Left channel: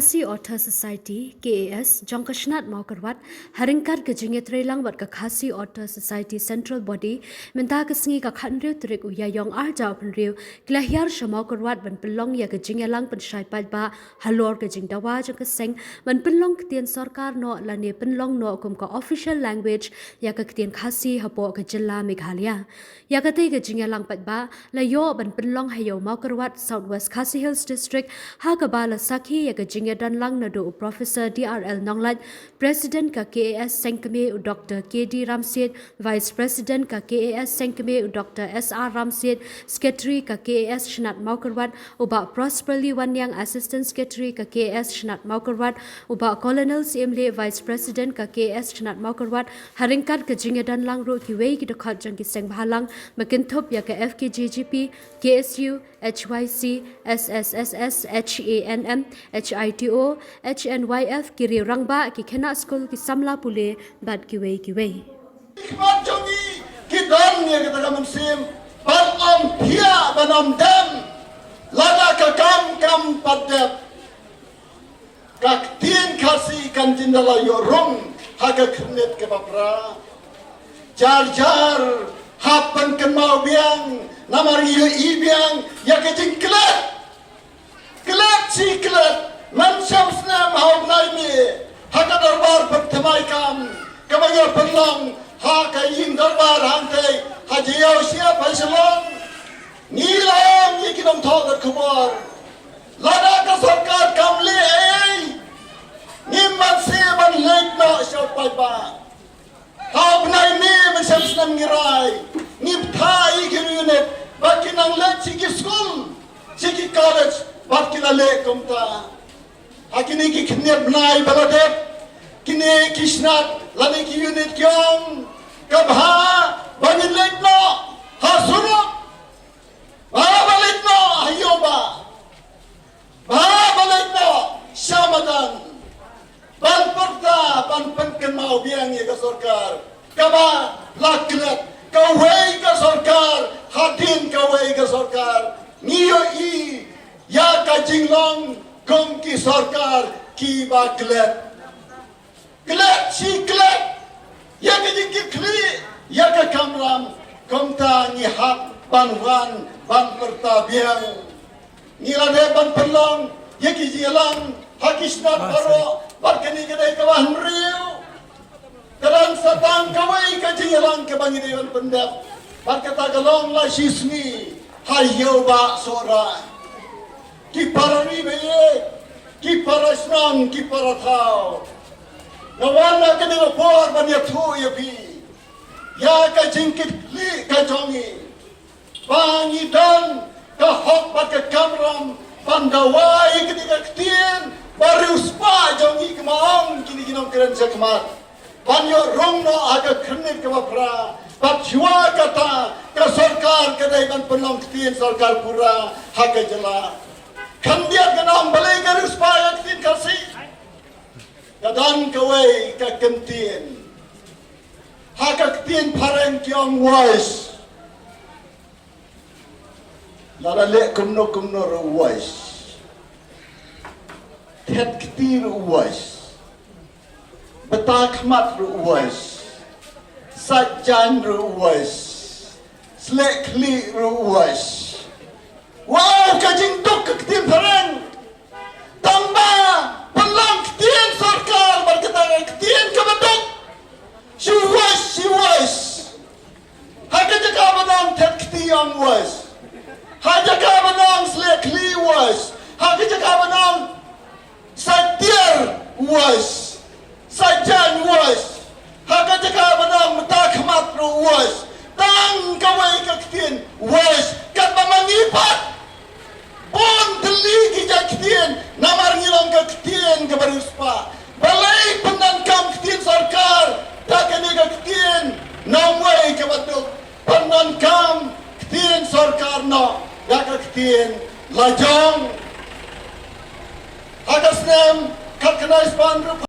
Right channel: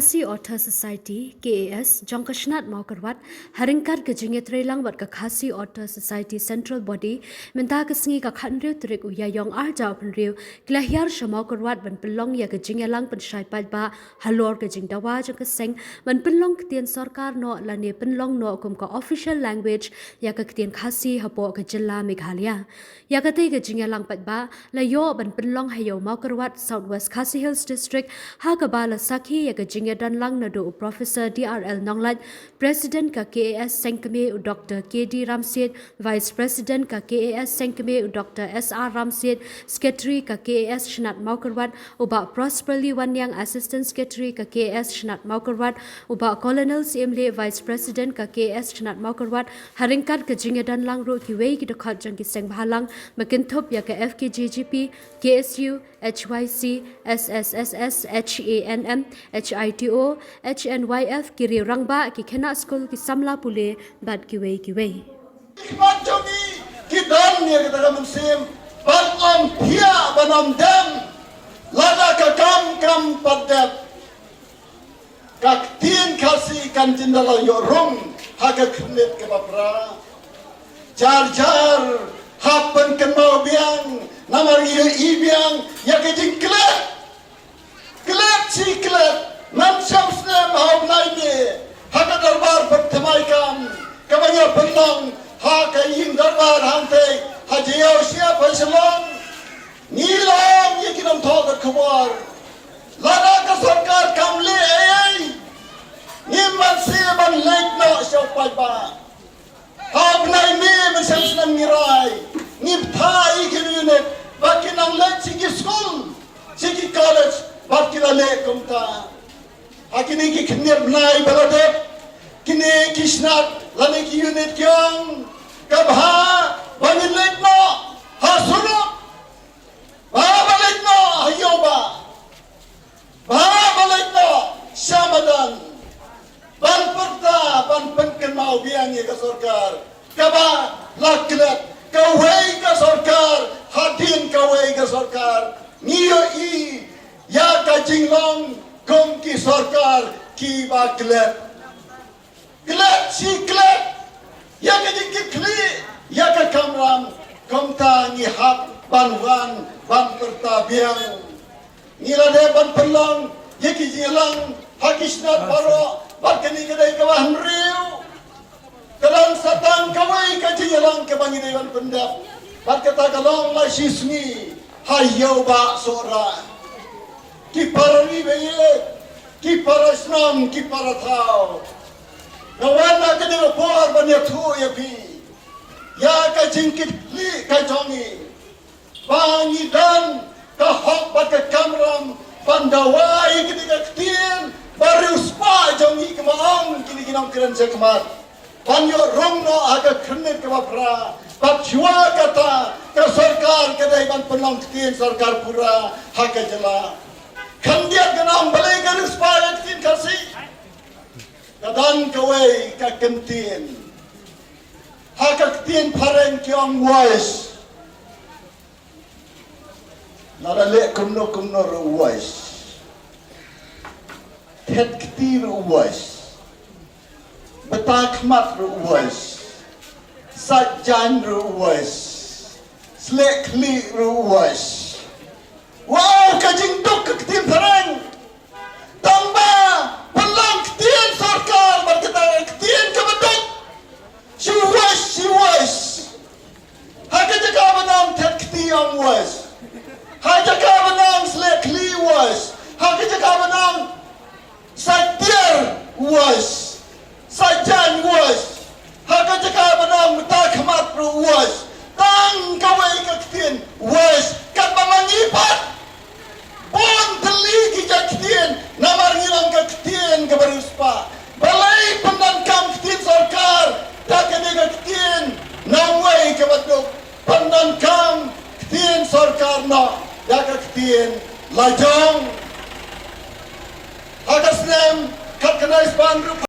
Khasi Author Society KAS Jongkashnat Mawkyrwat haringkat ke jinget relang wat ke Khasi Author Society Central Body minta ke sengi ka khanriu trik uya yong jaw penriu kila Hiar Mawkyrwat ban pynlong ya ke jingelang pynshai paidbah halor ke jingdawa jong ke seng ban pynlong ktien sorkar no lani pynlong no kum ka official language ya ke ktien khasi hapo ke jilla Meghalaya ya ke te ke jingelang paidbah la yo ban pynlong hayo Mawkyrwat Southwest Khasi Hills District ha ke bala sakhi ya ke jingedan lang nadu Professor DRL Nonglat President ka KAS Sengkeme Dr. KD Ramsid Vice President ka KAS Sengkeme Dr. SR Ramsid Secretary ka KAS Shnat Mawkyrwat uba Prosperly Wanyang Assistant Secretary ka KAS Shnat Mawkyrwat uba Colonel Simle Vice President ka KAS Shnat Mawkyrwat haringkat ke jingedan lang ro ki wei ki dokhat jang ki seng bhalang makintop ya ka FKJGP KSU HYC SSSS HANM HITO HNYF kiri rangba ki khena school ki samla pule bat ki wei Khmat jogi ki dan ne kita musim ban om thia banam dam lana ka kam padat ka ktien khasi kan jindala yo rum ha ka khnet ke bapra jar hapan kan mau biang namar ye ibiang ya ke jingklat siklet nam samsna mau naine ha ka darbar pertamai kam kabanya pertong ha ka yin darbar hante ha jiao sia paisalong nilang ye kinam thok khabar lada ka sarkar kamle ai nimman se ban lekna sa paidbah ha bnai me samsna ngirai nim thai kinune bakinang let sigi school sigi college bakila le komta akini ki khne bnai balade kini kisnat lani ki unit kyong kabha bangin letno ha suno ba baletno hayoba ba baletno samadan ban porta ban penken mau biang ye ka sorkar kaba laklet kawai ka sorkar hadin kawai ka sorkar niyo ya ka jinglong kom ki sorkar ki baklet klet ya ki kli ya ka kamram komta ni hak banwan ban pertabiang ni lade ban pelong ya ki jilang hakisnat baro bakeni kedai kawan riu dalam satang kawai ka jilang ke bangini ban pendap bakata kalong la sismi hayo ba sora ki parani beye ki parasnam ki parathao nawana kene por banya thu ya pi ya ka jingkit li ka jongi bangi dan ka hok bat kamram pandawai kini ka ktien baru spa jongi kemaang kini kinam keren sekmat banyo rongno aga khne ke bapra patjua kata ka sorkar kadai ban pynlong ktien sorkar pura haka jala khandia ganam balai garu spa ktien khasi kadan kawai ka kemtien haka ktien pareng kyong wais lara le kumno ro wais het ktir wais betak mat ro wais sajan ro wais slek li ro wais wow kajing dok ktien pareng tamba pynlong ktien sorkar berkata ktien kebetul si wais haka jaka menang het ktien wais haka jaka menang slek li wais haka jaka menang satir wais sajan wais haka jaka menang betak mat ro wais tang kawai ka ktien wais kat mangipat pon teli ki ktien namar ngilong ka ktien ka barispa balai pendangkam ktien sorkar tak ni ka ktien namwai ka batuk pendangkam ktien sorkar no ya ka ktien lajong agasnem kat kanais ban